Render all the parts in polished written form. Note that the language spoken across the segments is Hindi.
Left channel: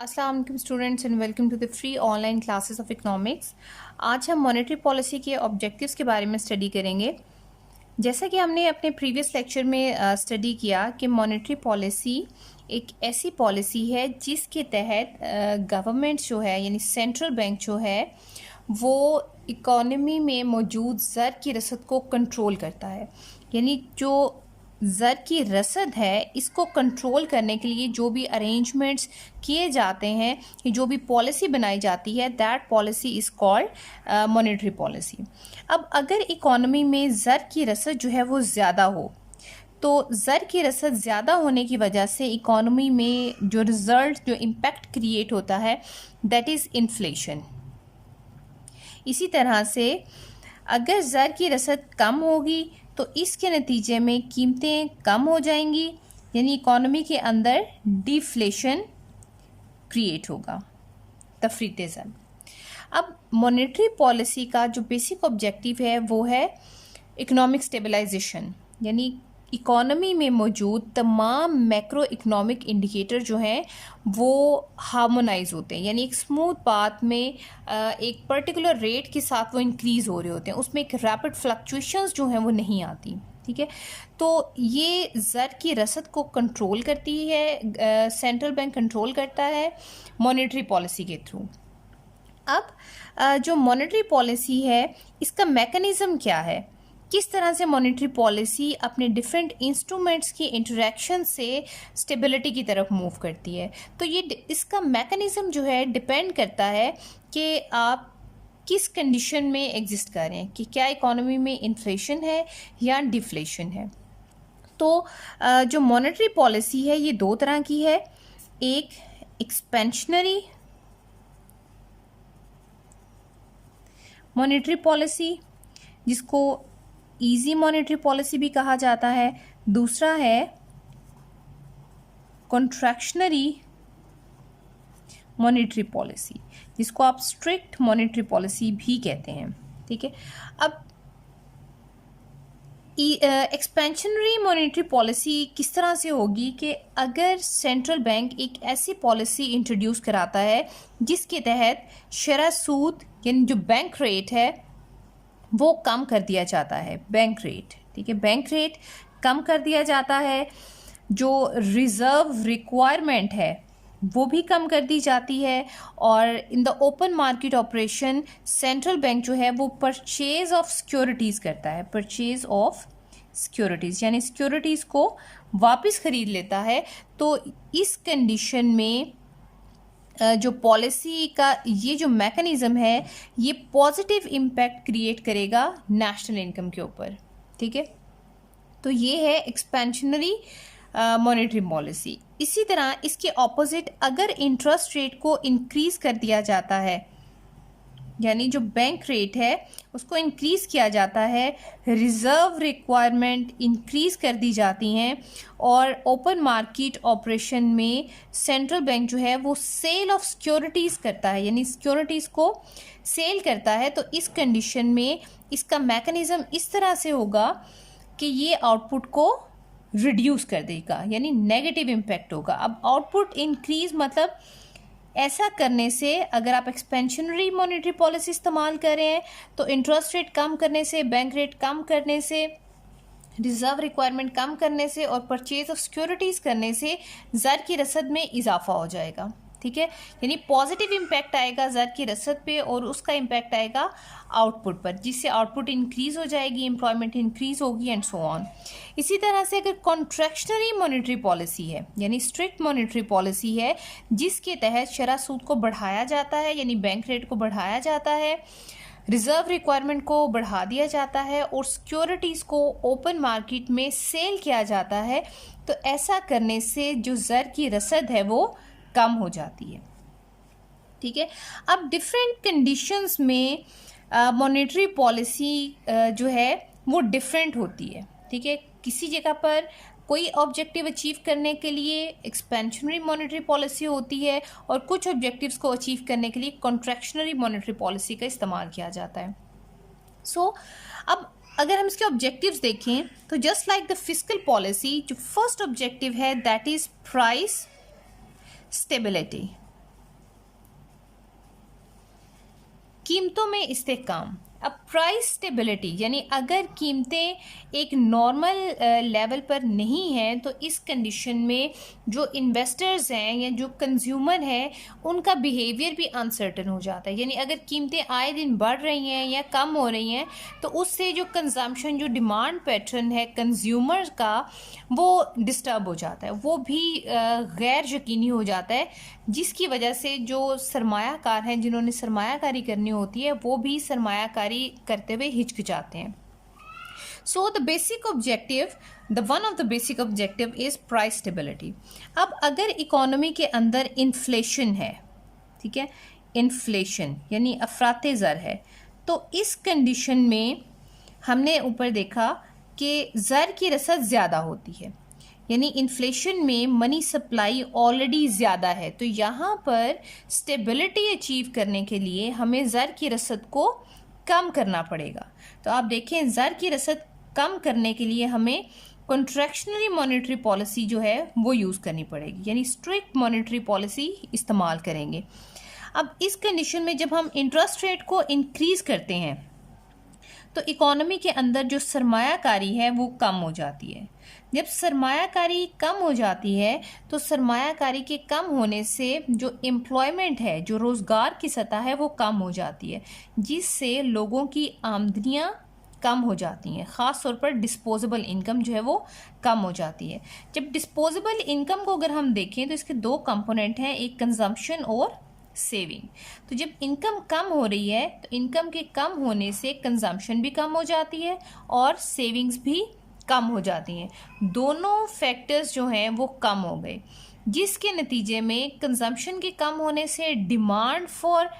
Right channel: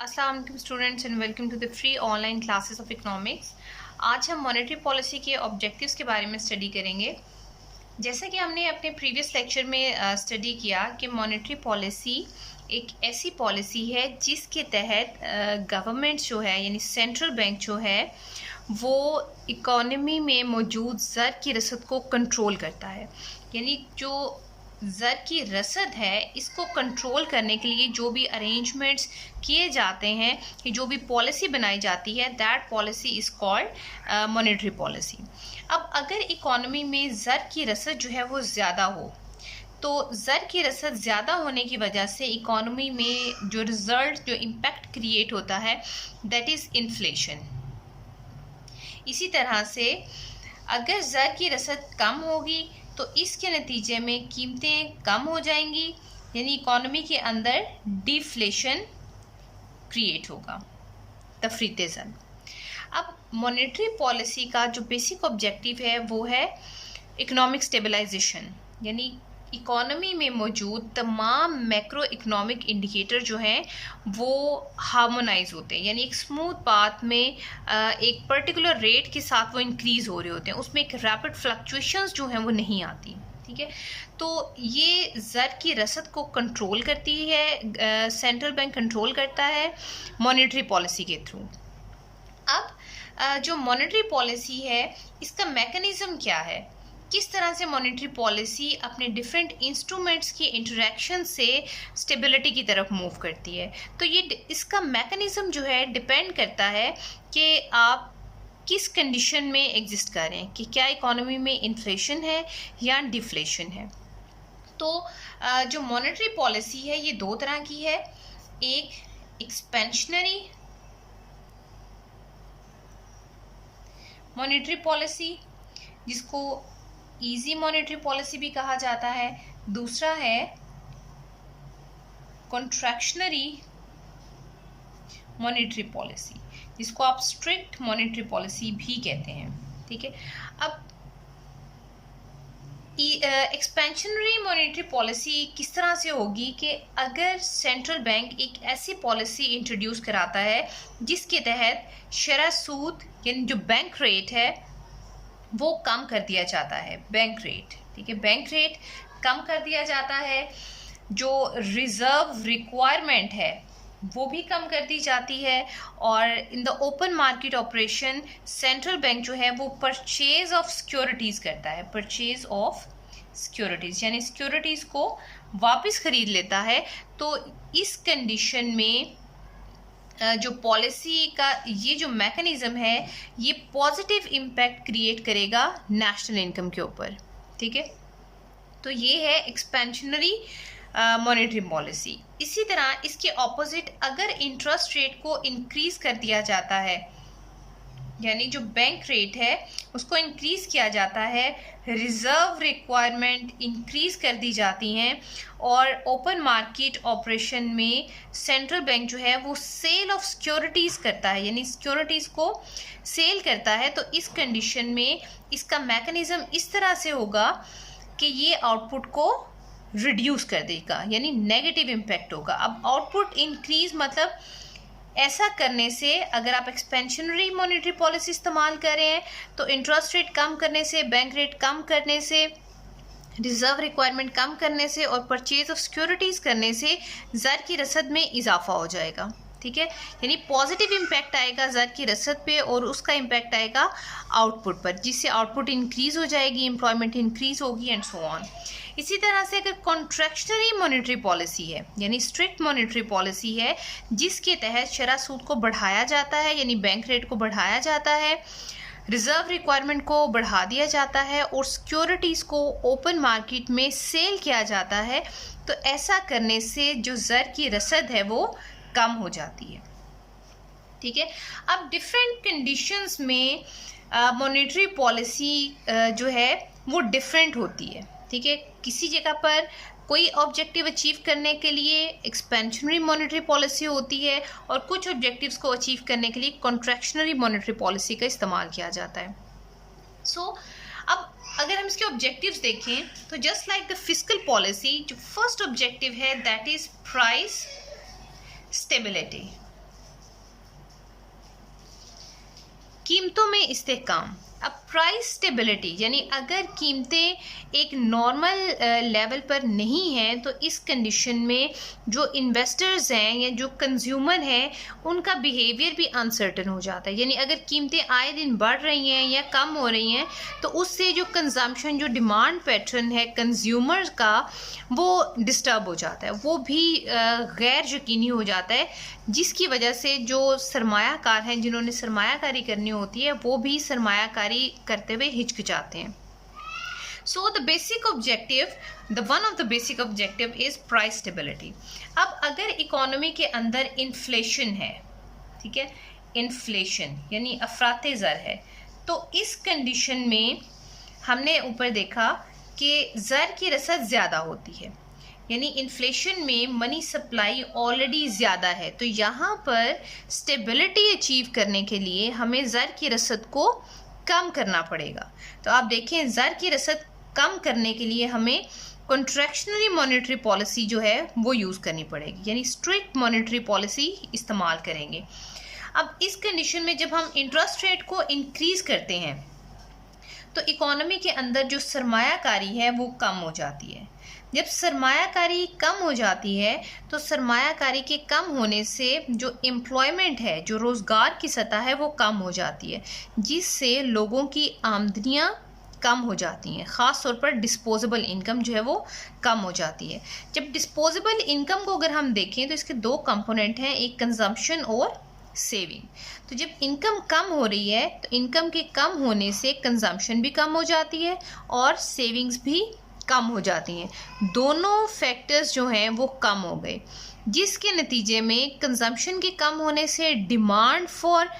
अस्सलाम वालेकुम students and welcome to the free online classes of economics. आज हम मॉनेटरी पॉलिसी के ऑब्जेक्टिव्स के बारे में स्टडी करेंगे। जैसा कि हमने अपने प्रीवियस लेक्चर में स्टडी किया कि मॉनेटरी पॉलिसी एक ऐसी पॉलिसी है जिसके तहत गवर्नमेंट जो है यानी सेंट्रल बैंक जो है वो इकोनॉमी में मौजूद ज़र की रसद को कंट्रोल करता है। यानी जो ज़र की रसद है इसको कंट्रोल करने के लिए जो भी अरेंजमेंट्स किए जाते हैं कि जो भी पॉलिसी बनाई जाती है that policy is called monetary policy. अब अगर इकोनॉमी में ज़र की रसद जो है वो ज़्यादा हो तो ज़र की रसद ज़्यादा होने की वजह से इकोनॉमी में जो रिज़ल्ट जो इम्पैक्ट क्रिएट होता है दैट इज़ इन्फ्लेशन। इसी तरह से अगर ज़र की रसद कम होगी तो इसके नतीजे में कीमतें कम हो जाएंगी यानी इकोनॉमी के अंदर डिफ्लेशन क्रिएट होगा, तफरीत ज़र। अब मॉनेटरी पॉलिसी का जो बेसिक ऑब्जेक्टिव है वो है इकोनॉमिक स्टेबलाइजेशन, यानी इकोनॉमी में मौजूद तमाम मैक्रो इकोनॉमिक इंडिकेटर जो हैं वो हार्मोनाइज होते हैं, यानी एक स्मूथ पाथ में एक पर्टिकुलर रेट के साथ वो इंक्रीज़ हो रहे होते हैं, उसमें एक रैपिड फ्लक्चुएशंस जो हैं वो नहीं आती। ठीक है, तो ये ज़र की रसद को कंट्रोल करती है, सेंट्रल बैंक कंट्रोल करता है मॉनेटरी पॉलिसी के थ्रू। अब जो मॉनेटरी पॉलिसी है इसका मैकेनिज़्म क्या है, किस तरह से मॉनेटरी पॉलिसी अपने डिफरेंट इंस्ट्रूमेंट्स के इंटरेक्शन से स्टेबिलिटी की तरफ मूव करती है, तो ये इसका मैकेनिज़्म जो है डिपेंड करता है कि आप किस कंडीशन में एग्जिस्ट कर रहे हैं, कि क्या इकोनॉमी में इन्फ्लेशन है या डिफ्लेशन है। तो जो मॉनेटरी पॉलिसी है ये दो तरह की है, एक एक्सपेंशनरी मॉनेटरी पॉलिसी जिसको ईजी मॉनेटरी पॉलिसी भी कहा जाता है, दूसरा है कॉन्ट्रैक्शनरी मॉनेटरी पॉलिसी जिसको आप स्ट्रिक्ट मॉनेटरी पॉलिसी भी कहते हैं। ठीक है, अब एक्सपेंशनरी मॉनेटरी पॉलिसी किस तरह से होगी कि अगर सेंट्रल बैंक एक ऐसी पॉलिसी इंट्रोड्यूस कराता है जिसके तहत शरह सूद यानी जो बैंक रेट है वो कम कर दिया जाता है, बैंक रेट। ठीक है, बैंक रेट कम कर दिया जाता है, जो रिज़र्व रिक्वायरमेंट है वो भी कम कर दी जाती है, और in the open market operation central bank जो है वो परचेज ऑफ सिक्योरिटीज़ करता है, परचेज ऑफ सिक्योरिटीज़ यानी सिक्योरिटीज़ को वापस ख़रीद लेता है। तो इस कंडीशन में जो पॉलिसी का ये जो मैकेनिज़्म है ये पॉजिटिव इम्पैक्ट क्रिएट करेगा नेशनल इनकम के ऊपर। ठीक है, तो ये है एक्सपेंशनरी मॉनेटरी पॉलिसी। इसी तरह इसके ऑपोजिट अगर इंटरेस्ट रेट को इंक्रीज़ कर दिया जाता है, यानी जो बैंक रेट है उसको इंक्रीज़ किया जाता है, रिज़र्व रिक्वायरमेंट इंक्रीज़ कर दी जाती हैं, और ओपन मार्केट ऑपरेशन में सेंट्रल बैंक जो है वो सेल ऑफ सिक्योरिटीज़ करता है, यानी सिक्योरिटीज़ को सेल करता है। तो इस कंडीशन में इसका मैकेनिज़्म इस तरह से होगा कि ये आउटपुट को रिड्यूस कर देगा, यानी नेगेटिव इम्पैक्ट होगा। अब आउटपुट इंक्रीज़ मतलब ऐसा करने से अगर आप एक्सपेंशनरी मॉनेटरी पॉलिसी इस्तेमाल कर रहे हैं तो इंटरेस्ट रेट कम करने से, बैंक रेट कम करने से, रिज़र्व रिक्वायरमेंट कम करने से और परचेज ऑफ सिक्योरिटीज़ करने से ज़र की रसद में इजाफा हो जाएगा। ठीक है, यानी पॉजिटिव इम्पैक्ट आएगा ज़र की रसद पे और उसका इम्पैक्ट आएगा आउटपुट पर, जिससे आउटपुट इंक्रीज़ हो जाएगी, एम्प्लॉयमेंट इंक्रीज़ होगी एंड सो ऑन। इसी तरह से अगर कॉन्ट्रैक्शनरी मॉनेटरी पॉलिसी है यानी स्ट्रिक्ट मॉनेटरी पॉलिसी है जिसके तहत शरह सूद को बढ़ाया जाता है, यानी बैंक रेट को बढ़ाया जाता है, रिज़र्व रिक्वायरमेंट को बढ़ा दिया जाता है और सिक्योरिटीज़ को ओपन मार्केट में सेल किया जाता है, तो ऐसा करने से जो ज़र की रसद है वो कम हो जाती है। ठीक है, अब डिफरेंट कंडीशंस में मॉनेटरी पॉलिसी जो है वो डिफरेंट होती है। ठीक है, किसी जगह पर कोई ऑब्जेक्टिव अचीव करने के लिए एक्सपेंशनरी मॉनेटरी पॉलिसी होती है और कुछ ऑब्जेक्टिव्स को अचीव करने के लिए कॉन्ट्रैक्शनरी मॉनेटरी पॉलिसी का इस्तेमाल किया जाता है। अब अगर हम इसके ऑब्जेक्टिव्स देखें तो just like the fiscal policy, जो फर्स्ट ऑब्जेक्टिव है दैट इज़ प्राइस स्टेबिलिटी। कीमतों में इस्तेहकाम। अब प्राइस स्टेबिलिटी यानी अगर कीमतें एक नॉर्मल लेवल पर नहीं हैं तो इस कंडीशन में जो इन्वेस्टर्स हैं या जो कंज्यूमर हैं उनका बिहेवियर भी अनसर्टन हो जाता है। यानी अगर कीमतें आए दिन बढ़ रही हैं या कम हो रही हैं तो उससे जो कंजम्पशन जो डिमांड पैटर्न है कंज्यूमर का वो डिस्टर्ब हो जाता है, वो भी गैर यकीनी हो जाता है, जिसकी वजह से जो सरमायाकार हैं जिन्होंने सरमायाकारी करनी होती है वो भी सरमायाकारी करते हुए हिचकिचाते हैं। So the basic objective one of the basic objective is price stability. अब अगर इकोनॉमी के अंदर इन्फ्लेशन है, ठीक है, इन्फ्लेशन यानी अफराते ज़र है, तो इस कंडीशन में हमने ऊपर देखा कि ज़र की रसद ज़्यादा होती है, यानी इन्फ्लेशन में मनी सप्लाई ऑलरेडी ज़्यादा है, तो यहाँ पर स्टेबिलिटी अचीव करने के लिए हमें ज़र की रसद को कम करना पड़ेगा। तो आप देखें ज़र की रसद कम करने के लिए हमें कॉन्ट्रैक्शनरी मॉनेटरी पॉलिसी जो है वो यूज़ करनी पड़ेगी, यानी स्ट्रिक्ट मॉनेटरी पॉलिसी इस्तेमाल करेंगे। अब इस कंडीशन में जब हम इंटरेस्ट रेट को इंक्रीज़ करते हैं तो इकोनॉमी के अंदर जो सरमायाकारी है वो कम हो जाती है। जब सरमायाकारी कम हो जाती है तो सरमायाकारी के कम होने से जो एम्प्लॉयमेंट है, जो रोज़गार की सतह है वो कम हो जाती है, जिससे लोगों की आमदनियाँ कम हो जाती हैं। ख़ास तौर पर डिस्पोजेबल इनकम जो है वो कम हो जाती है। जब डिस्पोजेबल इनकम को अगर हम देखें तो इसके दो कंपोनेंट हैं, एक कंजम्पशन और सेविंग। तो जब इनकम कम हो रही है तो इनकम के कम होने से कंजम्पशन भी कम हो जाती है और सेविंग्स भी कम हो जाती हैं। दोनों फैक्टर्स जो हैं वो कम हो गए, जिसके नतीजे में कंजम्पशन के कम होने से डिमांड फॉर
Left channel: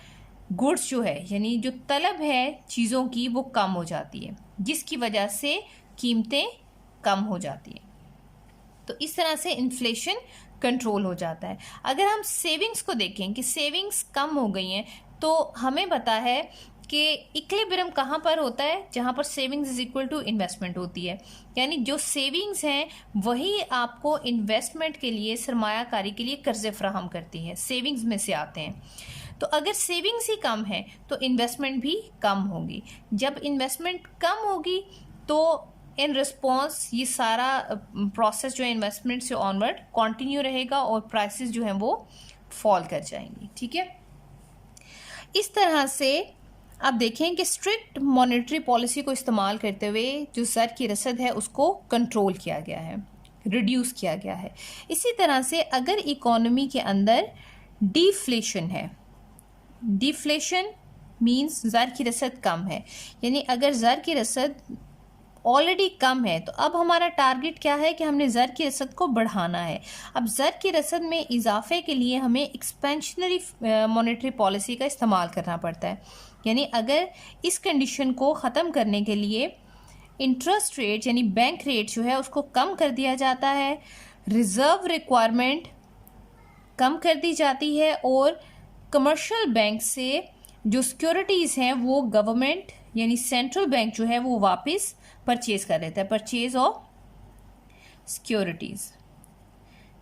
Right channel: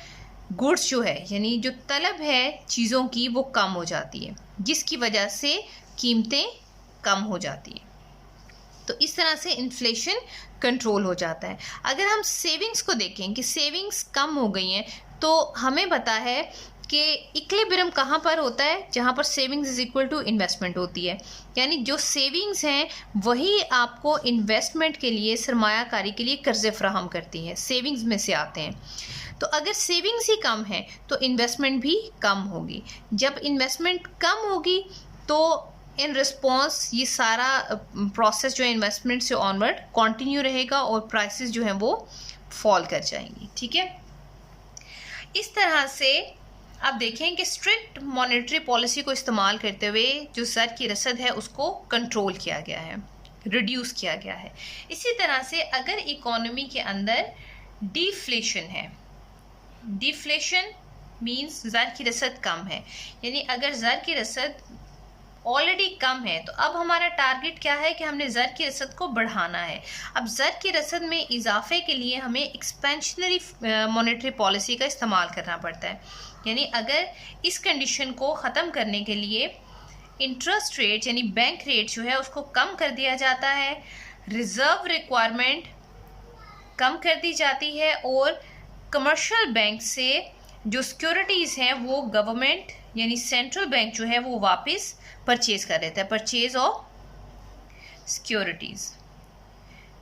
गुड्स जो है यानी जो तलब है चीज़ों की वो कम हो जाती है, जिसकी वजह से कीमतें कम हो जाती हैं। तो इस तरह से इन्फ्लेशन कंट्रोल हो जाता है। अगर हम सेविंग्स को देखें कि सेविंग्स कम हो गई हैं तो हमें पता है कि इक्विलिब्रियम कहाँ पर होता है, जहाँ पर savings is equal to investment होती है, यानी जो सेविंग्स हैं वही आपको इन्वेस्टमेंट के लिए सरमायाकारी के लिए कर्जे फराहम करती है, सेविंग्स में से आते हैं। तो अगर सेविंग्स ही कम है तो इन्वेस्टमेंट भी कम होगी। जब इन्वेस्टमेंट कम होगी तो इन रिस्पॉन्स ये सारा प्रोसेस जो है इन्वेस्टमेंट से ऑनवर्ड कंटिन्यू रहेगा और प्राइसेस जो हैं वो फॉल कर जाएंगी। ठीक है, इस तरह से आप देखें कि स्ट्रिक्ट मॉनेटरी पॉलिसी को इस्तेमाल करते हुए जो ज़र की रसद है उसको कंट्रोल किया गया है, रिड्यूस किया गया है। इसी तरह से अगर इकोनॉमी के अंदर डिफ्लेशन है, डिफ्लेशन मीन्स ज़र की रसद कम है, यानी अगर ज़र की रसद ऑलरेडी कम है तो अब हमारा टारगेट क्या है कि हमने ज़र की रसद को बढ़ाना है। अब ज़र की रसद में इजाफे के लिए हमें एक्सपेंशनरी मॉनेटरी पॉलिसी का इस्तेमाल करना पड़ता है, यानी अगर इस कंडीशन को ख़त्म करने के लिए इंटरेस्ट रेट यानी बैंक रेट जो है उसको कम कर दिया जाता है, रिज़र्व रिक्वायरमेंट कम कर दी जाती है और कमर्शियल बैंक से जो सिक्योरिटीज़ हैं वो गवर्नमेंट यानी सेंट्रल बैंक जो है वो वापस परचेज़ कर देता है, परचेज ऑफ सिक्योरिटीज़।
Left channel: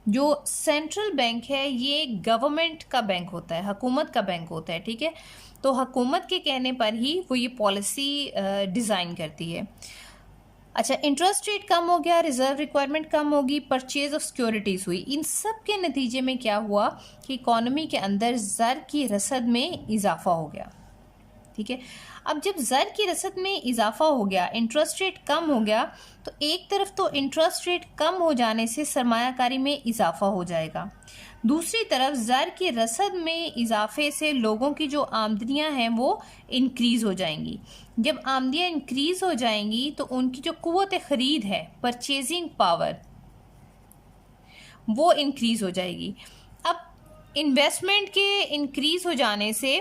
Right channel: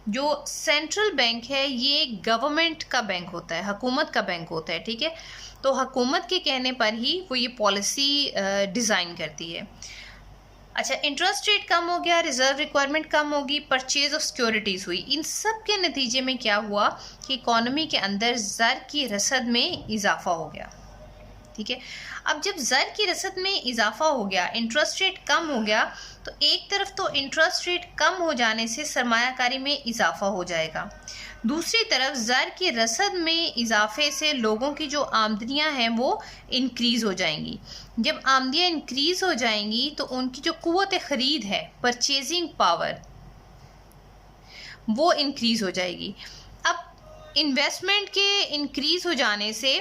जो सेंट्रल बैंक है ये गवर्नमेंट का बैंक होता है, हुकूमत का बैंक होता है। ठीक है, तो हुकूमत के कहने पर ही वो ये पॉलिसी डिज़ाइन करती है। अच्छा, इंटरेस्ट रेट कम हो गया, रिजर्व रिक्वायरमेंट कम होगी, परचेज ऑफ सिक्योरिटीज़ हुई। इन सब के नतीजे में क्या हुआ कि इकॉनमी के अंदर ज़र की रसद में इजाफा हो गया। ठीक है, अब जब ज़र की रसद में इजाफा हो गया, इंटरेस्ट रेट कम हो गया, तो एक तरफ तो इंटरेस्ट रेट कम हो जाने से सरमायाकारी में इजाफा हो जाएगा, दूसरी तरफ ज़र की रसद में इजाफे से लोगों की जो आमदनियां हैं वो इंक्रीज़ हो जाएंगी। जब आमदनियां इंक्रीज़ हो जाएंगी तो उनकी जो कुव्वत ख़रीद है, परचेजिंग पावर, वो इंक्रीज़ हो जाएगी। अब इन्वेस्टमेंट के इंक्रीज़ हो जाने से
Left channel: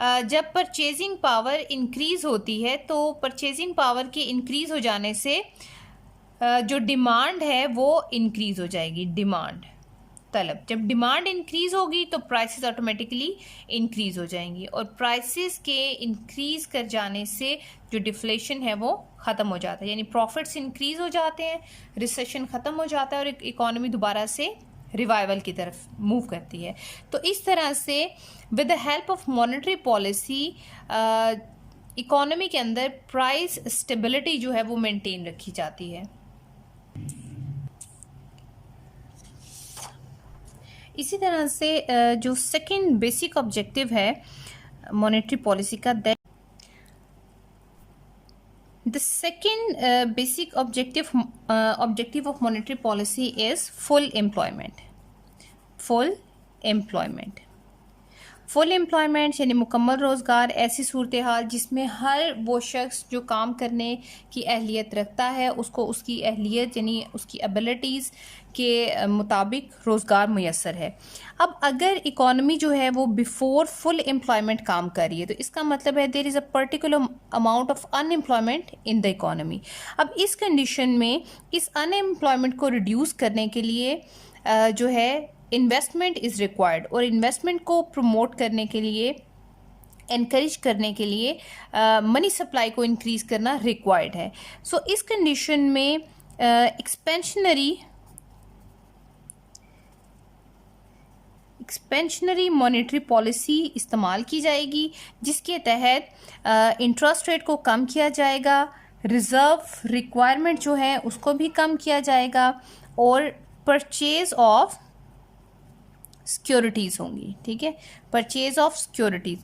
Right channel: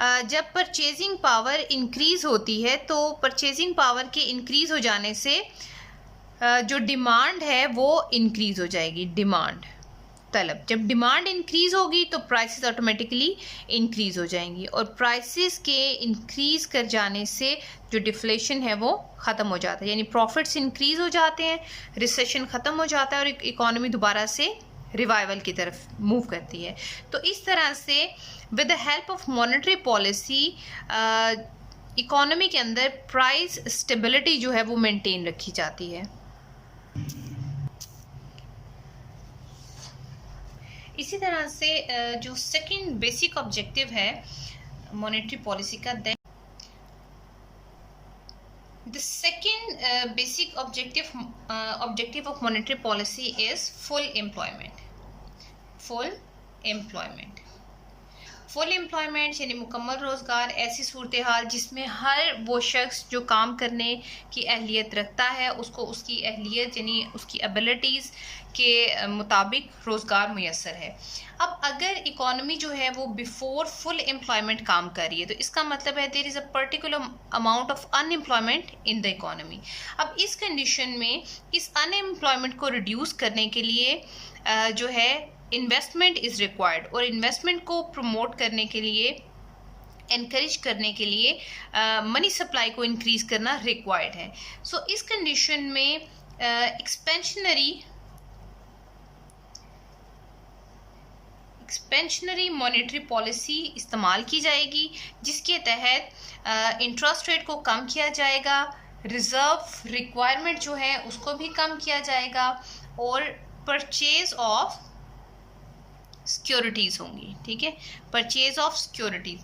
जब परचेजिंग पावर इंक्रीज़ होती है तो परचेजिंग पावर की इंक्रीज़ हो जाने से जो डिमांड है वो इंक्रीज़ हो जाएगी, डिमांड तलब। जब डिमांड इंक्रीज़ होगी तो प्राइसेस ऑटोमेटिकली इंक्रीज़ हो जाएंगी और प्राइसेस के इंक्रीज़ कर जाने से जो डिफ्लेशन है वो ख़त्म हो जाता है, यानी प्रॉफिट्स इंक्रीज़ हो जाते हैं, रिसेशन ख़त्म हो जाता है और इकोनॉमी दोबारा से रिवाइवल की तरफ मूव करती है। तो इस तरह से with the help of monetary policy economy के अंदर प्राइस स्टेबिलिटी जो है वो मेंटेन रखी जाती है। इसी तरह से जो सेकंड बेसिक ऑब्जेक्टिव है मॉनेटरी पॉलिसी का, the second basic objective of monetary policy is full employment. Full employment यानी मुकम्मल रोज़गार, ऐसी सूरत हाल जिसमें हर वो शख्स जो काम करने की अहलियत रखता है उसको उसकी अहलियत यानी उसकी एबिलिटीज़ के मुताबिक रोज़गार मुयस्सर है। अब अगर इकॉनमी जो है वो बिफोर फुल एम्प्लॉयमेंट काम कर रही है तो इसका मतलब है there is a particular amount of unemployment in the economy. अब इस कंडीशन में इस अनएम्प्लॉयमेंट को रिड्यूस करने के लिए जो है इन्वेस्टमेंट इज़ रिक्वायर्ड, और इन्वेस्टमेंट को प्रमोट करने के लिए, एनकरेज करने के लिए मनी सप्लाई को इंक्रीज़ करना रिक्वायर्ड है। सो इस कंडीशन में एक्सपेंशनरी मॉनेटरी पॉलिसी इस्तेमाल की जाएगी जिसके तहत इंटरेस्ट रेट को कम किया जाएगा, रिज़र्व रिक्वायरमेंट जो है उसको भी कम किया जाएगा, और परचेज ऑफ सिक्योरिटीज़ होंगी। ठीक है, परचेज ऑफ सिक्योरिटीज़।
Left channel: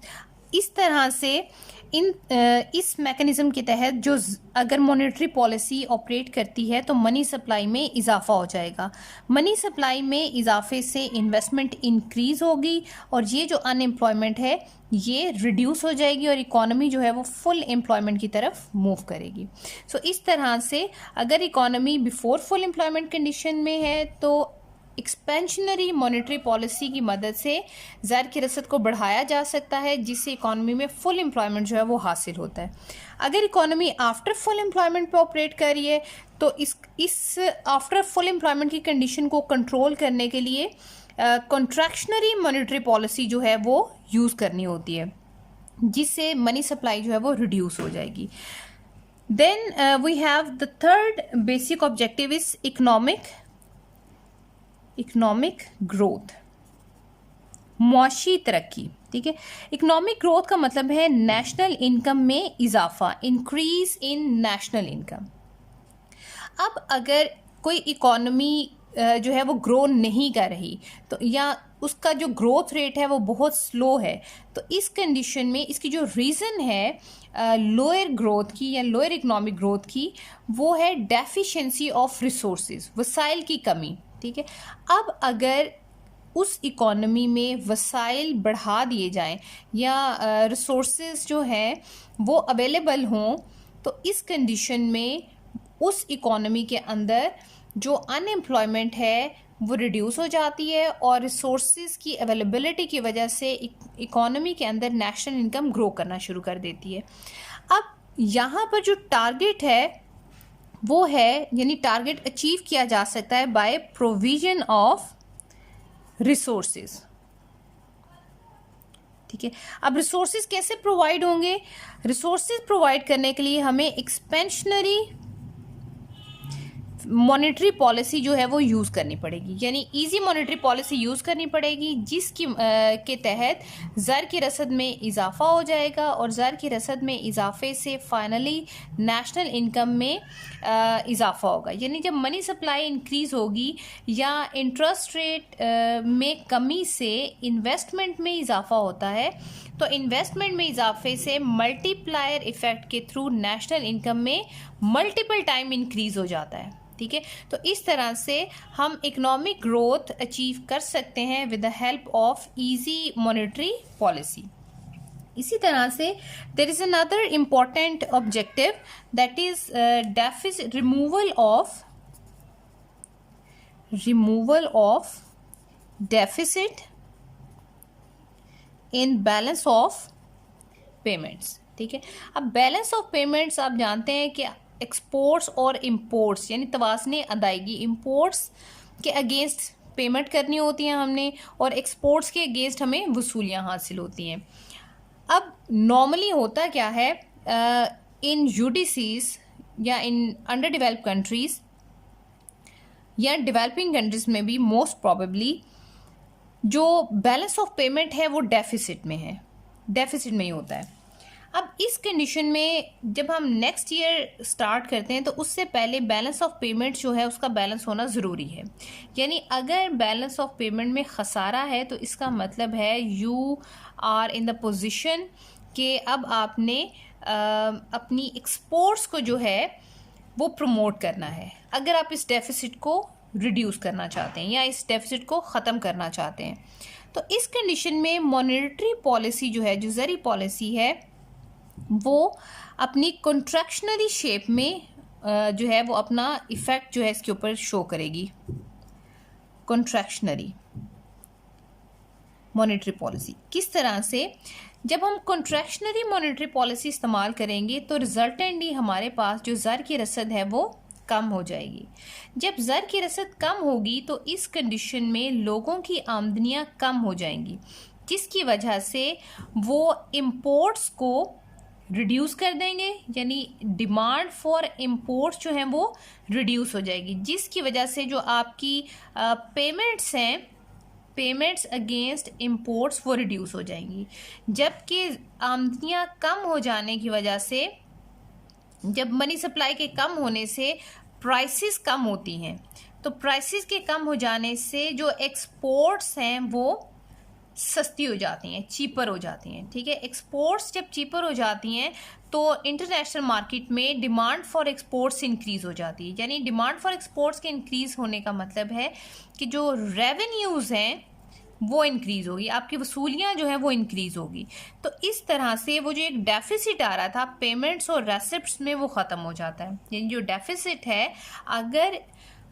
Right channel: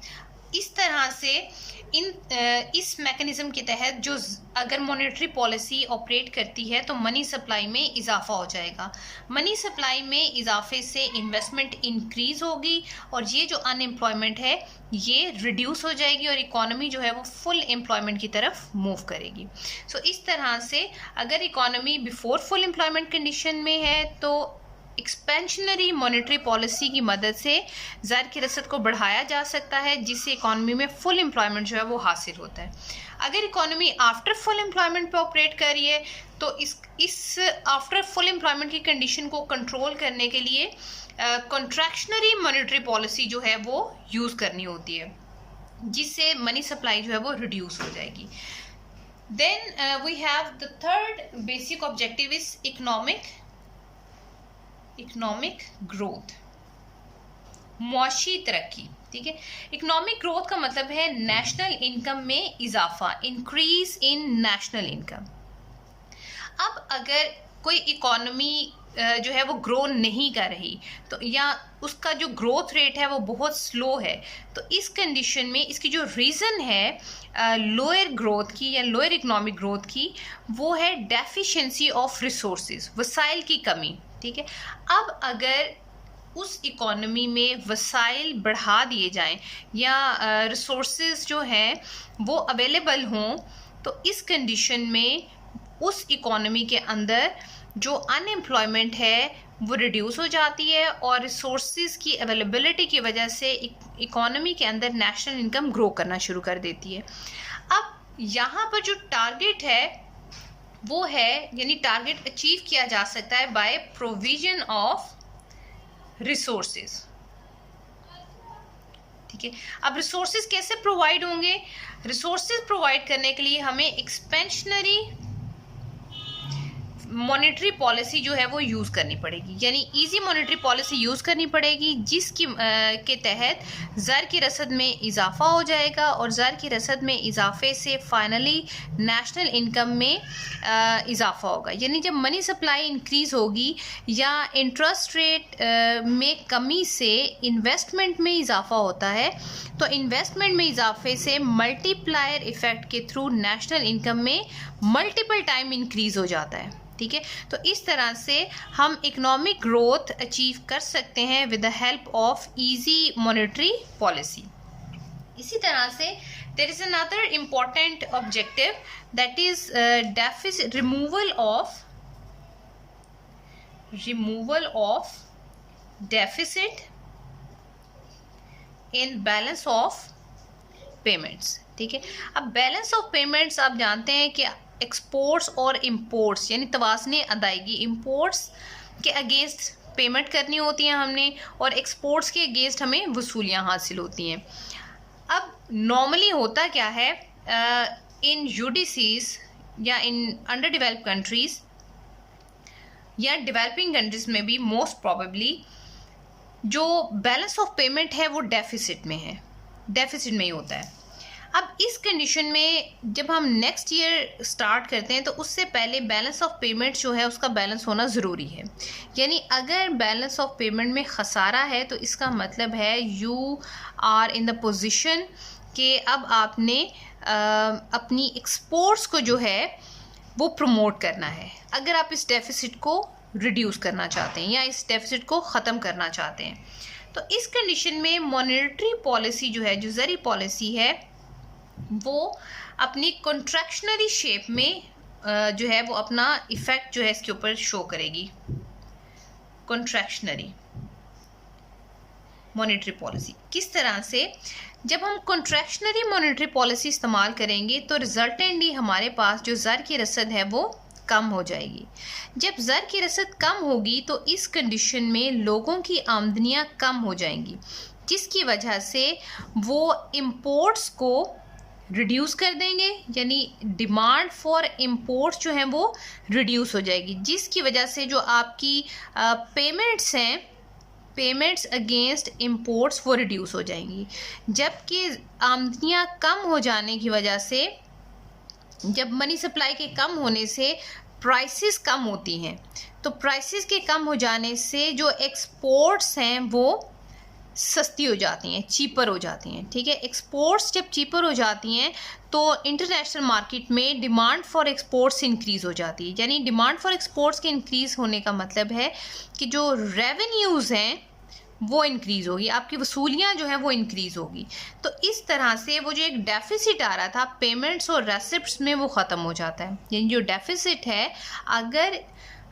इस तरह से इस मैकेनिज़्म के तहत जो अगर मॉनेटरी पॉलिसी ऑपरेट करती है तो मनी सप्लाई में इजाफा हो जाएगा। मनी सप्लाई में इजाफे से इन्वेस्टमेंट इंक्रीज़ होगी और ये जो अनएम्प्लॉयमेंट है ये रिड्यूस हो जाएगी और इकॉनमी जो है वो फुल एम्प्लॉयमेंट की तरफ मूव करेगी। सो इस तरह से अगर economy before full employment condition में है तो एक्सपेंशनरी मॉनेटरी पॉलिसी की मदद से ज़र की रसद को बढ़ाया जा सकता है जिससे इकॉनमी में फुल एम्प्लॉयमेंट जो है वो हासिल होता है। अगर इकॉनमी आफ्टर फुल एम्प्लॉयमेंट पे ऑपरेट कर रही है तो इस आफ्टर फुल एम्प्लॉयमेंट की कंडीशन को कंट्रोल करने के लिए कॉन्ट्रैक्शनरी मॉनेटरी पॉलिसी जो है वो यूज़ करनी होती है जिससे मनी सप्लाई जो है वो रिड्यूस हो जाएगी। Then we have the third basic objective is economic growth, मुआशी तरक्की। ठीक है, इकोनॉमिक ग्रोथ का मतलब है नेशनल इनकम में इजाफा, इंक्रीज इन नेशनल इनकम। अब अगर कोई इकोनॉमी जो है वो ग्रो नहीं कर रही तो या उसका जो ग्रोथ रेट है वो बहुत स्लो है तो इस कंडीशन में इसकी जो रीज़न है लोअर ग्रोथ की या लोअर इकोनॉमिक ग्रोथ की वो है डेफिशिएंसी ऑफ रिसोर्सेज, वसाइल की कमी। ठीक है, अब अगर उस इकोनॉमी में वसाइल बढ़ा दिए जाएं या रिसोर्सेज जो हैं वो अवेलेबल हों तो इस कंडीशन में उस इकोनॉमी के अंदर जो अनएम्प्लॉयमेंट है वो रिड्यूस हो जाती है और रिसोर्सेज की अवेलेबिलिटी की वजह से इकोनॉमी के अंदर नेशनल इनकम ग्रो करना शुरू कर देती है। अब यहाँ पर जो टारगेट है वो है यानी टारगेट अचीव किया जा सकता है बाय प्रोविजन ऑफ रिसोर्सेज। ठीक है, अब रिसोर्सेज कैसे प्रोवाइड होंगे? रिसोर्सेज प्रोवाइड करने के लिए हमें एक्सपेंशनरी मॉनेटरी पॉलिसी जो है वो यूज़ करनी पड़ेगी, यानी इजी मॉनेटरी पॉलिसी यूज़ करनी पड़ेगी जिसकी के तहत ज़र की रसद में इजाफा हो जाएगा और ज़र की रसद में इजाफे से फाइनली नेशनल इनकम में इजाफा होगा। यानी जब मनी सप्लाई इंक्रीज़ होगी या इंटरेस्ट रेट में कमी से इन्वेस्टमेंट में इजाफा होता है तो इन्वेस्टमेंट में इजाफे से मल्टीप्लायर इफ़ेक्ट के थ्रू नेशनल इनकम में मल्टीपल टाइम इंक्रीज़ हो जाता है। ठीक है, तो इस तरह से हम इकोनॉमिक ग्रोथ अचीव कर सकते हैं with the help of easy monetary policy. इसी तरह से there is another important objective that is removal of deficit in balance of payments. ठीक है, अब बैलेंस ऑफ पेमेंट्स आप जानते हैं कि एक्सपोर्ट्स और इंपोर्ट्स यानी तवाज़ने अदायगी, इंपोर्ट्स के अगेंस्ट पेमेंट करनी होती हैं हमने और एक्सपोर्ट्स के अगेंस्ट हमें वसूलियाँ हासिल होती हैं। अब नॉर्मली होता क्या है इन यूडीसीज या इन अंडर डेवलप्ड कंट्रीज़ या डेवलपिंग कंट्रीज में भी मोस्ट प्रॉबेबली जो बैलेंस ऑफ पेमेंट है वो डेफिसिट में है, डेफिसिट में ही होता है। अब इस कंडीशन में जब हम नेक्स्ट ईयर स्टार्ट करते हैं तो उससे पहले बैलेंस ऑफ पेमेंट जो है उसका बैलेंस होना ज़रूरी है। यानी अगर बैलेंस ऑफ पेमेंट में खसारा है तो इसका मतलब है you are in the position कि अब आपने अपनी एक्सपोर्ट्स को जो है वो प्रमोट करना है, अगर आप इस डेफिसिट को रिड्यूस करना चाहते हैं या इस डेफिसिट को ख़त्म करना चाहते हैं। तो इस कंडीशन में मॉनेटरी पॉलिसी जो है, जो ज़री पॉलिसी है, वो अपनी कॉन्ट्रैक्शनरी शेप में जो है वो अपना इफ़ेक्ट जो है इसके ऊपर शो करेगी। कॉन्ट्रैक्शनरी मॉनेटरी पॉलिसी किस तरह से, जब हम कॉन्ट्रैक्शनरी मॉनेटरी पॉलिसी इस्तेमाल करेंगे तो रिजल्टेंटली हमारे पास जो ज़र की रसद है वो कम हो जाएगी। जब ज़र की रसद कम होगी तो इस कंडीशन में लोगों की आमदनियां कम हो जाएंगी, जिसकी वजह से वो इम्पोर्ट्स को रिड्यूस कर देंगे, यानी डिमांड फॉर इम्पोर्ट्स जो हैं वो रिड्यूस हो जाएगी, जिसकी वजह से जो आपकी पेमेंट्स हैं, पेमेंट्स अगेंस्ट इम्पोर्ट्स वो रिड्यूस हो जाएंगी। जबकि आमदनियां कम हो जाने की वजह से, जब मनी सप्लाई के कम होने से प्राइसेस कम होती हैं, तो प्राइसेस के कम हो जाने से जो एक्सपोर्ट्स हैं वो सस्ती हो जाती हैं, चीपर हो जाती हैं। ठीक है, एक्सपोर्ट्स जब चीपर हो जाती हैं तो इंटरनेशनल मार्केट में डिमांड फॉर एक्सपोर्ट्स इंक्रीज़ हो जाती है। यानी डिमांड फॉर एक्सपोर्ट्स के इंक्रीज़ होने का मतलब है कि जो रेवेन्यूज़ हैं वो इंक्रीज़ होगी, आपकी वसूलियाँ जो है वो इंक्रीज़ होगी। तो इस तरह से वो जो एक डेफिसिट आ रहा था पेमेंट्स और रेसिप्ट्स में वो ख़त्म हो जाता है। यानी जो डेफिसिट है, अगर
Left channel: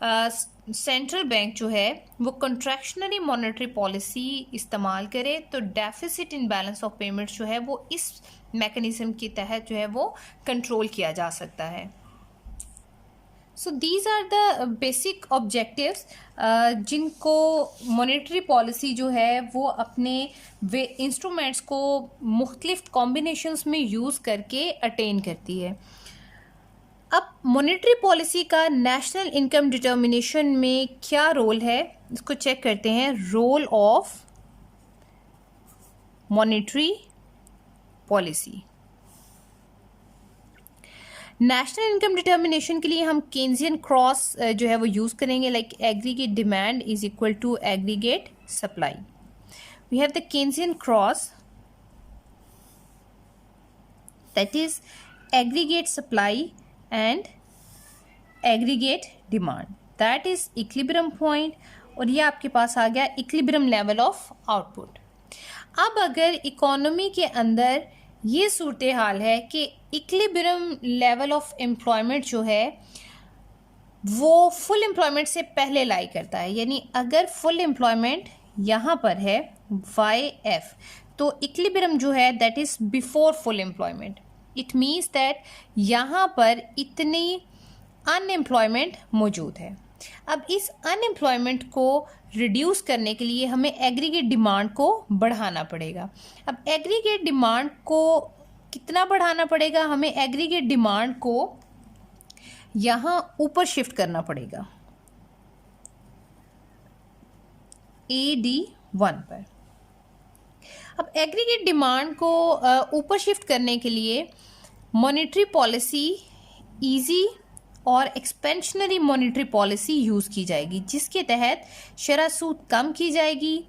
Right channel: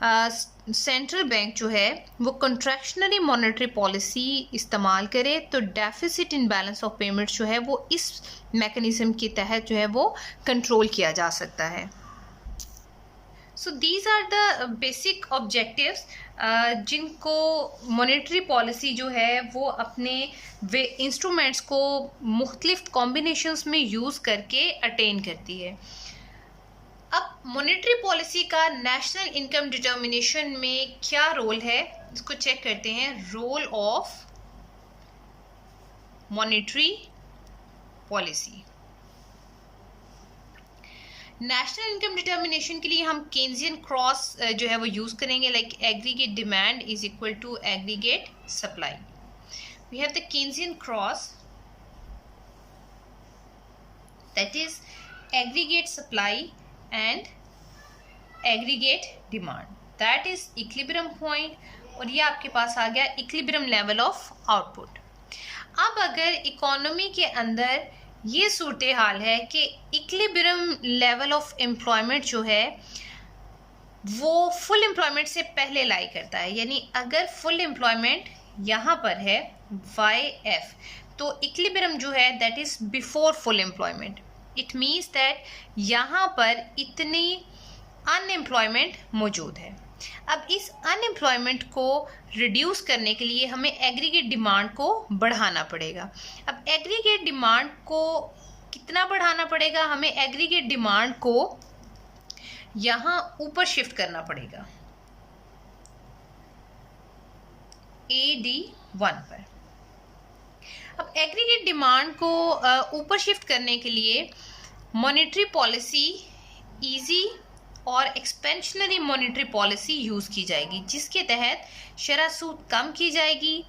सेंट्रल बैंक जो है वो कॉन्ट्रैक्शनरी मॉनेटरी पॉलिसी इस्तेमाल करे तो deficit in balance of payments जो है वो इस मैकेनिज़्म के तहत जो है वो कंट्रोल किया जा सकता है। So these are the basic objectives जिनको मॉनेटरी पॉलिसी जो है वो अपने वे इंस्ट्रूमेंट्स को मुख्तलिफ कॉम्बिनेशंस में यूज़ करके अटेन करती है। अब मॉनेटरी पॉलिसी का नेशनल इनकम डिटर्मिनेशन में क्या रोल है, इसको चेक करते हैं। Role of monetary policy. National income determination के लिए हम केन्जियन क्रॉस जो है वो यूज़ करेंगे, like aggregate demand is equal to aggregate supply. We have the Keynesian cross, that is aggregate supply and aggregate demand, that is equilibrium point, और ये आपके पास आ गया equilibrium level of output। अब अगर इकोनॉमी के अंदर ये सूरत हाल है कि equilibrium level of employment जो है वो फुल एम्प्लॉयमेंट से पहले लाई करता है, यानी अगर फुल एम्प्लॉयमेंट यहाँ पर है YF, तो इक्विलिब्रियम जो है that is before full employment. It means that यहाँ पर इतनी अनएम्प्लॉयमेंट मौजूद है। अब इस अनएम्प्लॉयमेंट को रिड्यूस करने के लिए हमें एग्रीगेट डिमांड को बढ़ाना पड़ेगा। अब एग्रीगेट डिमांड को कितना बढ़ाना पड़ेगा, हमें एग्रीगेट डिमांड को यहाँ ऊपर शिफ्ट करना पड़ेगा AD1 पर। अब एग्रीगेट डिमांड को ऊपर शिफ्ट करने के लिए मॉनेटरी पॉलिसी ईजी और एक्सपेंशनरी मॉनेटरी पॉलिसी यूज़ की जाएगी, जिसके तहत शरह सूद कम की जाएगी,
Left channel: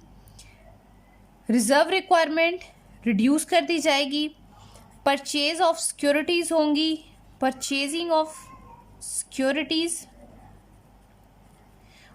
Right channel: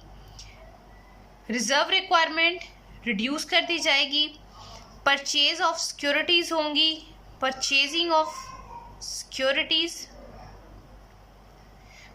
रिजर्व रिक्वायरमेंट रिड्यूस कर दी जाएगी, परचेज ऑफ सिक्योरिटीज़ होंगी, परचेजिंग ऑफ सिक्योरिटीज़,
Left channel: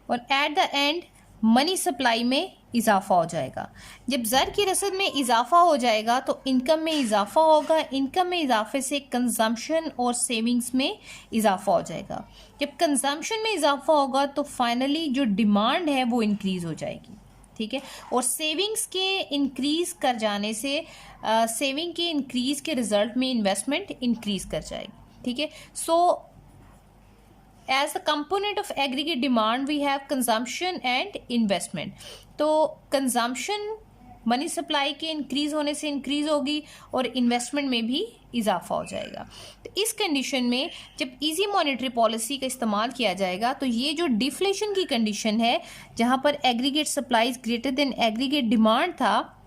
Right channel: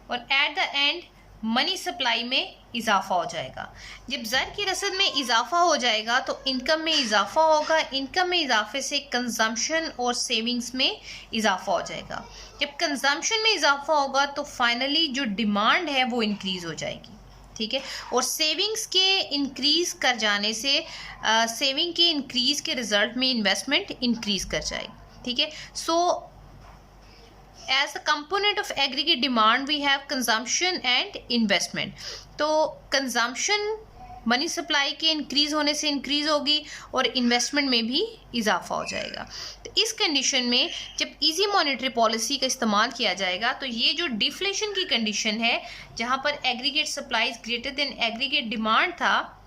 और at the end money supply में इजाफा हो जाएगा। जब ज़र की रसद में इजाफा हो जाएगा तो इनकम में इजाफा होगा, इनकम में इजाफे से कंजम्पशन और सेविंग्स में इजाफा हो जाएगा। जब कंजम्पशन में इजाफा होगा तो फाइनली जो डिमांड है वो इंक्रीज़ हो जाएगी। ठीक है, और सेविंग्स के इंक्रीज़ कर जाने से सेविंग के इंक्रीज़ के रिजल्ट में इन्वेस्टमेंट इंक्रीज़ कर जाएगी। ठीक है, सो as a component of aggregate demand we have consumption and investment। तो consumption मनी सप्लाई के इंक्रीज़ होने से इंक्रीज़ होगी और इन्वेस्टमेंट में भी इजाफा हो जाएगा। तो इस कंडीशन में जब इजी मॉनेटरी पॉलिसी का इस्तेमाल किया जाएगा तो ये जो डिफ्लेशन की कंडीशन है, जहाँ पर aggregate supplies greater than aggregate demand था,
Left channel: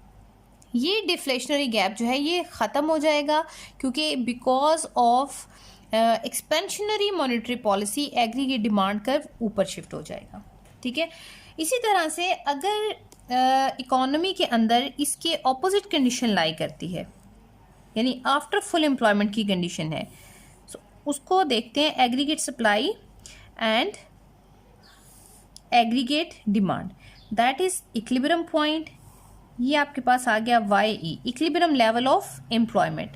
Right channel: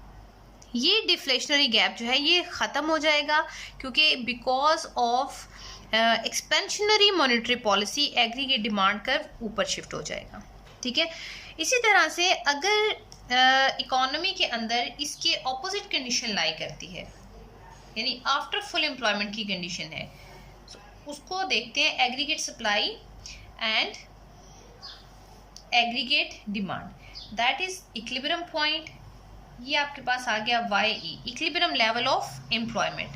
ये डिफ्लेशनरी गैप जो है ये ख़त्म हो जाएगा, क्योंकि because of expansionary monetary policy aggregate demand curve ऊपर शिफ्ट हो जाएगा। ठीक है। इसी तरह से अगर इकोनॉमी के अंदर इसके ऑपोजिट कंडीशन लाई करती है, यानी आफ्टर फुल एम्प्लॉयमेंट की कंडीशन है, तो उसको देखते हैं aggregate supply and aggregate demand, that is equilibrium point. ये आपके पास आ गया YE, equilibrium level of employment.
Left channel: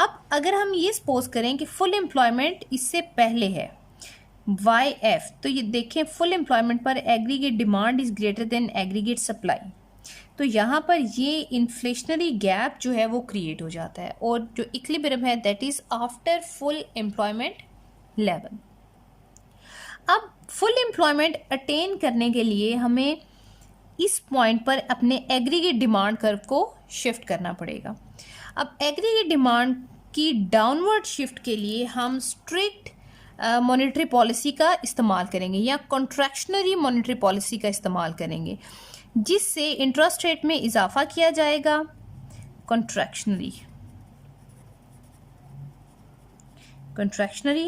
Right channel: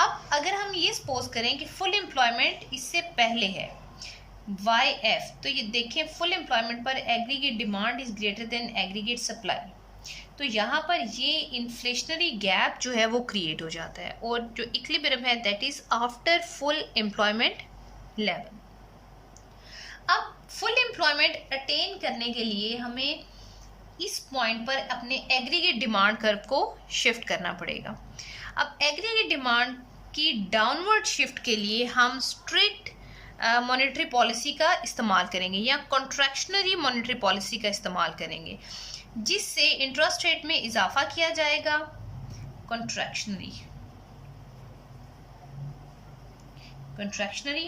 अब अगर हम ये सपोज करें कि फुल एम्प्लॉयमेंट इससे पहले है YF, तो ये देखें फुल एम्प्लॉयमेंट पर aggregate demand is greater than aggregate supply, तो यहाँ पर ये इन्फ्लेशनरी गैप जो है वो क्रिएट हो जाता है, और जो इक्विलिब्रियम है that is after full employment level. अब फुल एम्प्लॉयमेंट अटेन करने के लिए हमें इस पॉइंट पर अपने एग्रीगेट डिमांड कर्व को शिफ्ट करना पड़ेगा। अब एग्रीगेट डिमांड की डाउनवर्ड शिफ्ट के लिए हम स्ट्रिक्ट मॉनेटरी पॉलिसी का इस्तेमाल करेंगे या कॉन्ट्रैक्शनरी मॉनेटरी पॉलिसी का इस्तेमाल करेंगे, जिससे इंटरेस्ट रेट में इजाफा किया जाएगा। Contractionary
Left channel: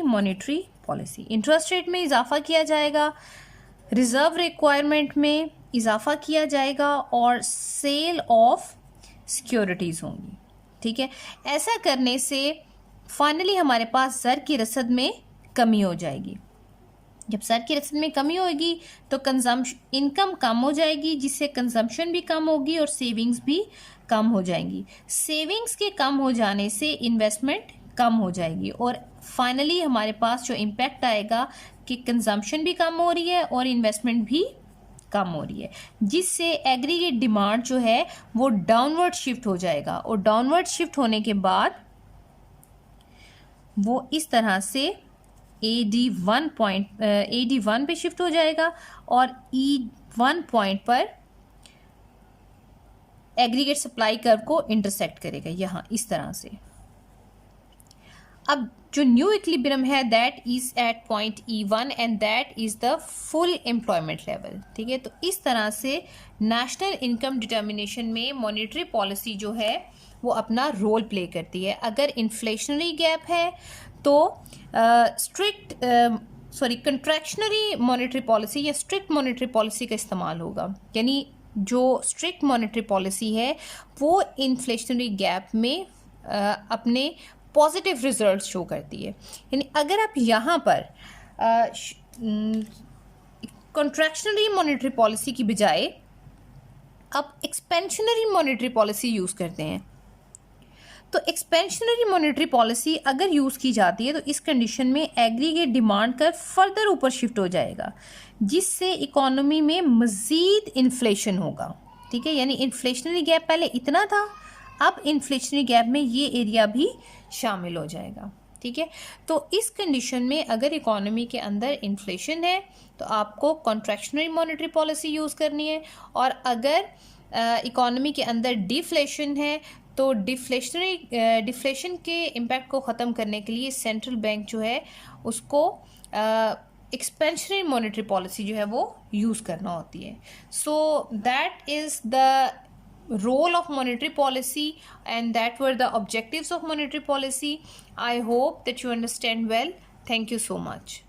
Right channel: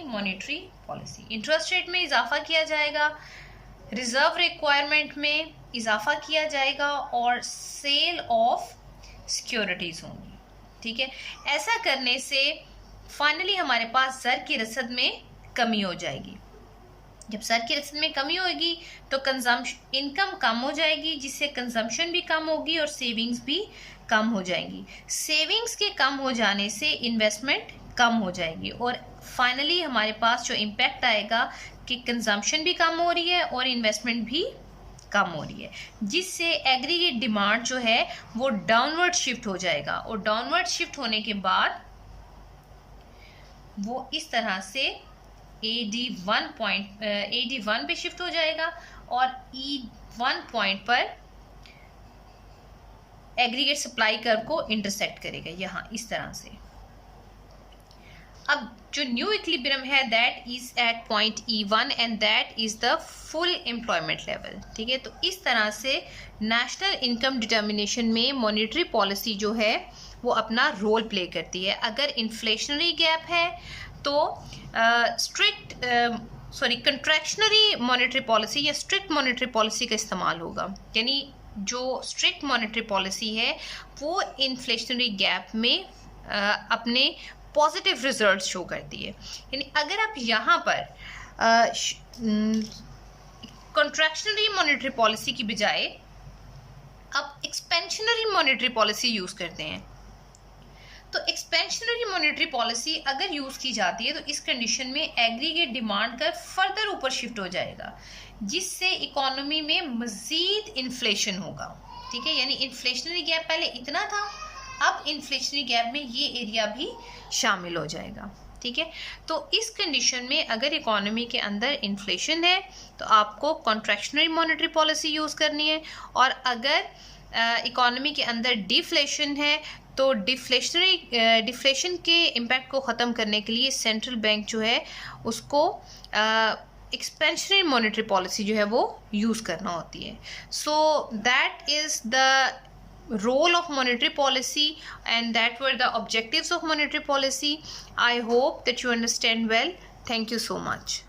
monetary policy, interest rate में इजाफा किया जाएगा, रिजर्व रिक्वायरमेंट में इजाफा किया जाएगा और सेल ऑफ सिक्योरिटीज़ होंगी। ठीक है। ऐसा करने से फाइनली हमारे पास ज़र की रसद में कमी हो जाएगी। जब ज़र की रसद में कमी होगी तो इनकम कम हो जाएगी, जिससे कंजम्पशन भी कम होगी और सेविंग्स भी कम हो जाएंगी। सेविंग्स के कम हो जाने से इन्वेस्टमेंट कम हो जाएगी और फाइनली हमारे पास जो इम्पैक्ट आएगा कि कंजम्पशन भी कम हो रही है और इन्वेस्टमेंट भी कम हो रही है, जिससे एग्रीगेट डिमांड जो है वो डाउनवर्ड शिफ्ट हो जाएगा, और डाउनवर्ड शिफ्ट होने के बाद वो इस तरह से AD1 पे शिफ्ट हो जाएगा और E1 पॉइंट पर एग्रीगेट सप्लाई कर्व को इंटरसेक्ट करेगा, यहाँ इस तरह से। अब जो न्यू इक्विलिब्रियम है that is at point E1 and that is the full employment level. ठीक है। तो इस तरह से नेशनल इनकम डिटर्मिनेशन में मॉनेटरी पॉलिसी जो है वो अपना रोल प्ले करती है। अगर इन्फ्लेशनरी गैप है तो कंट्रैक्शनरी मॉनेटरी पॉलिसी या स्ट्रिक्ट मॉनेटरी पॉलिसी का इस्तेमाल होगा, यानी जो स्ट्रिक्ट मॉनेटरी पॉलिसी है वो इन्फ्लेशनरी गैप में अपने पॉजिटिव रिजल्ट शो करती है। यानी अगर आप यहाँ पर कॉन्ट्रैक्शनरी मॉनेटरी पॉलिसी की बजाय आप एक्सपेंशनरी मॉनेटरी पॉलिसी यूज़ करते हैं, तो एक्सपेंशनरी मॉनेटरी पॉलिसी अगर यूज़ की जाती है तो इस कंडीशन में एग्रीगेट डिमांड का फर्दर ऊपर शिफ्ट हो जाएगा, जिससे इकोनॉमी में मज़ीद इन्फ्लेशन होगा। ठीक है। यानी इन्फ्लेशनरी गैप पहले इतना था, अब इन्फ्लेशनरी गैप में ये एरिया भी शामिल हो जाएगा। ठीक है। तो इस कंडीशन में अगर इकोनॉमी के अंदर इन्फ्लेशन है तो आपको कॉन्ट्रैक्शनरी मॉनेटरी पॉलिसी यूज़ करनी है, और अगर इकोनॉमी के अंदर डिफ्लेशन है तो डिफ्लेशन के इम्पैक्ट को ख़त्म करने के लिए सेंट्रल बैंक जो है उसको एक्सपेंशनरी मॉनेटरी पॉलिसी जो है वो यूज़ करना होती है। So that is the role of monetary policy and that were the objectives of monetary policy. I hope that you understand well. Thank you so much.